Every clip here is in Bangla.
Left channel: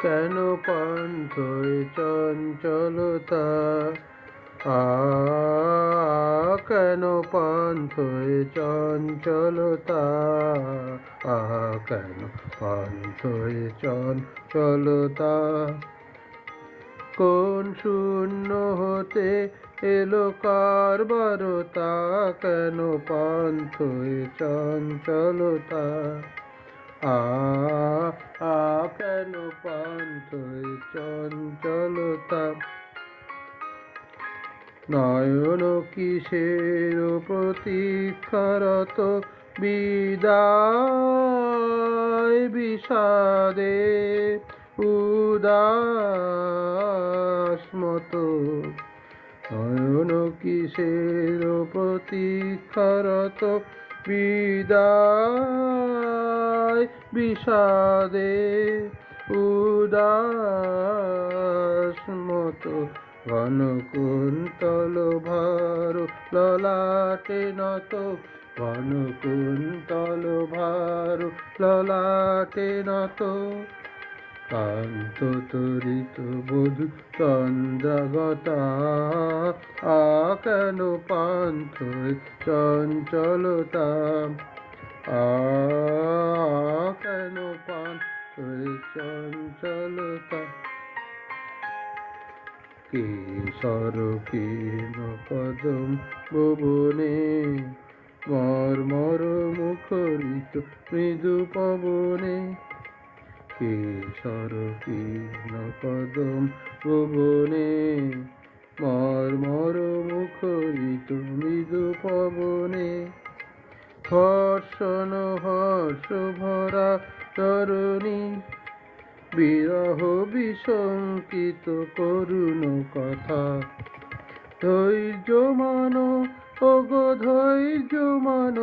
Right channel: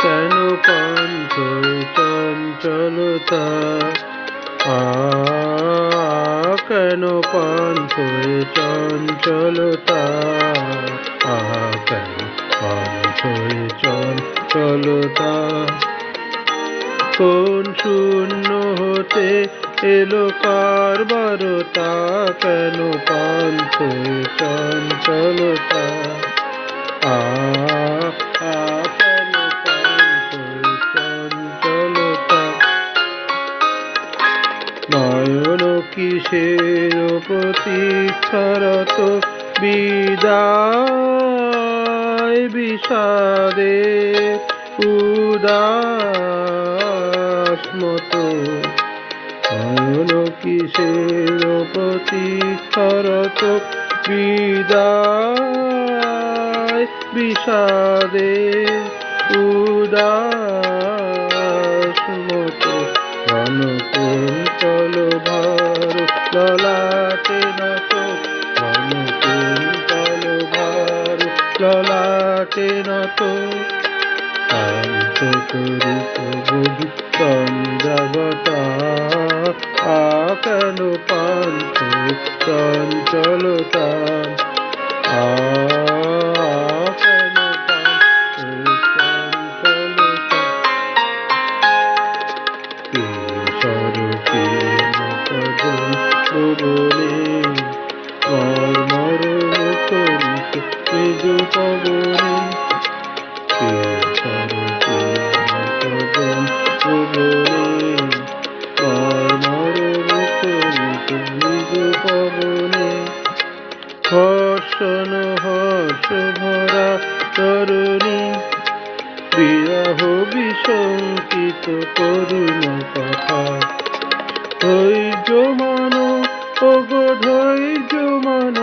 কেন পান্থ চঞ্চলতা কেন পান্থ চঞ্চলতা চঞ্চলতা কোন শূন্য হতে এলো কারবারতা কেন পান্থ চঞ্চলতা? আ কেন পান্থ চঞ্চলতা? নয়ন কিসের প্রতীক্ষারত বিদায় বিষাদে উদাস মতো। নয়ন কিসের প্রতীক্ষারত? বিদায় বিষাদে উদাস মতো। ঘন কুন্তল ভার ললাটে নত? ঘন কুন্তল ভার ললাটে নত? কেন পান্থ চঞ্চলতা কেশর কদম পবনে মর্মর মুখরিত নিজ পবনে পবনে হর্ষণ হর্ষ ভরা তরুণী বিরহ বিশঙ্কিত করুণ কথা। ধৈর্য মান, ওগো ধৈর্য মান,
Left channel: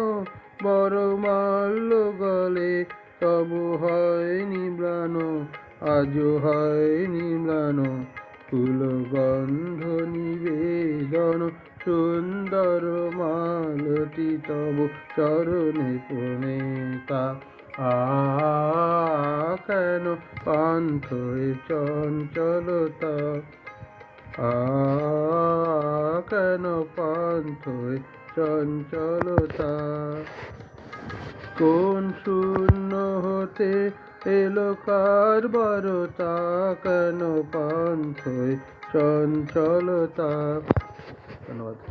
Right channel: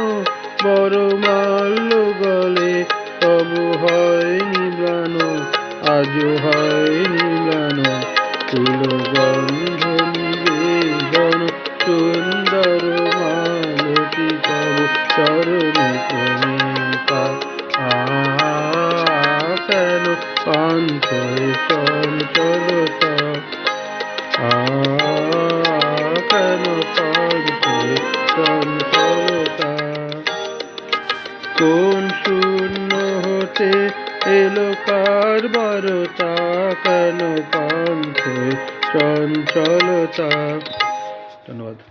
বড় মাল্য গলে তবু হয় নিবান আজ হয় নিবান ফুল গন্ধ নিবেদন সুন্দর মালতি তব চরণ আ কেন পান্থ চঞ্চলতা কেন পান্থ চঞ্চলতা কোন শূন্য হতে এলো কারবারতা কেন পান্থ চঞ্চলতা? ধন্যবাদ।